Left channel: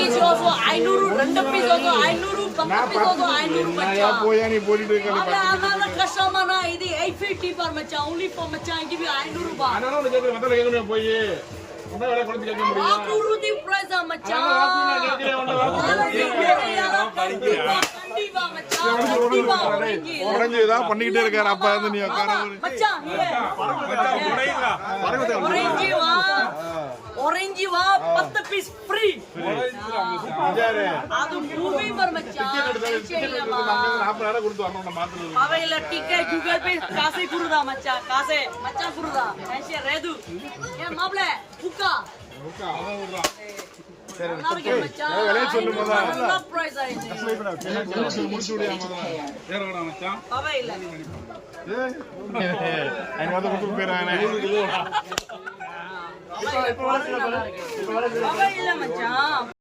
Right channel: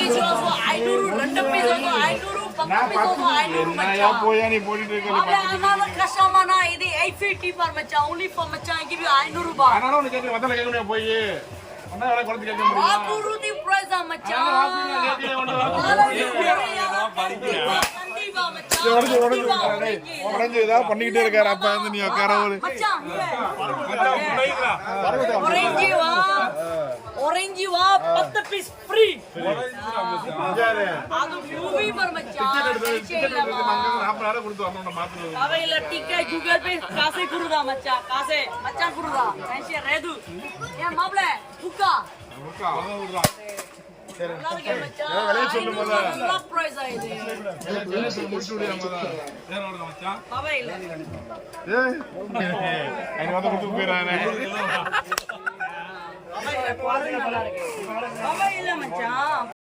package also 500, 2 piece also 500, 10 piece also 500 macha. போயா நீ போட்டுட்டு இருக்கல Another customer na, இது 850 per macha, only for macha, I give you 500 rupees. ஆனா உனக்கு கேக்க முதல்ல கேக்க போய் ஒண்ணா வேற குறந்து கேக்க முடியும் வாக்குறுதி price macha. உடஞ்சு ஏதாவது பண்ணிக்கிட்டே இருக்காரு அப்பா வந்து நீ உட்கார macha, here. Orange wa 10 piece free. அது movie per macha. டிக்கெட் எடுத்து 40 கொடுத்து வரணும் மாத்திரை அவைல டிக்கெட் கூகுள் பே காசே குருதா மச்சா காசே மச்சா குருதா ஐஷே ரெது ஏ மாப்ள புக்கா சரி விலை சொல்லு மொத பிரைஸ் ஆயிடுச்சு விலை சொல்லு முடிச்சு விடுயா மொத ஏறடா மச்சான் அவைல ஏய் என்ன வந்து குத்து போறானே அவைல மச்சான்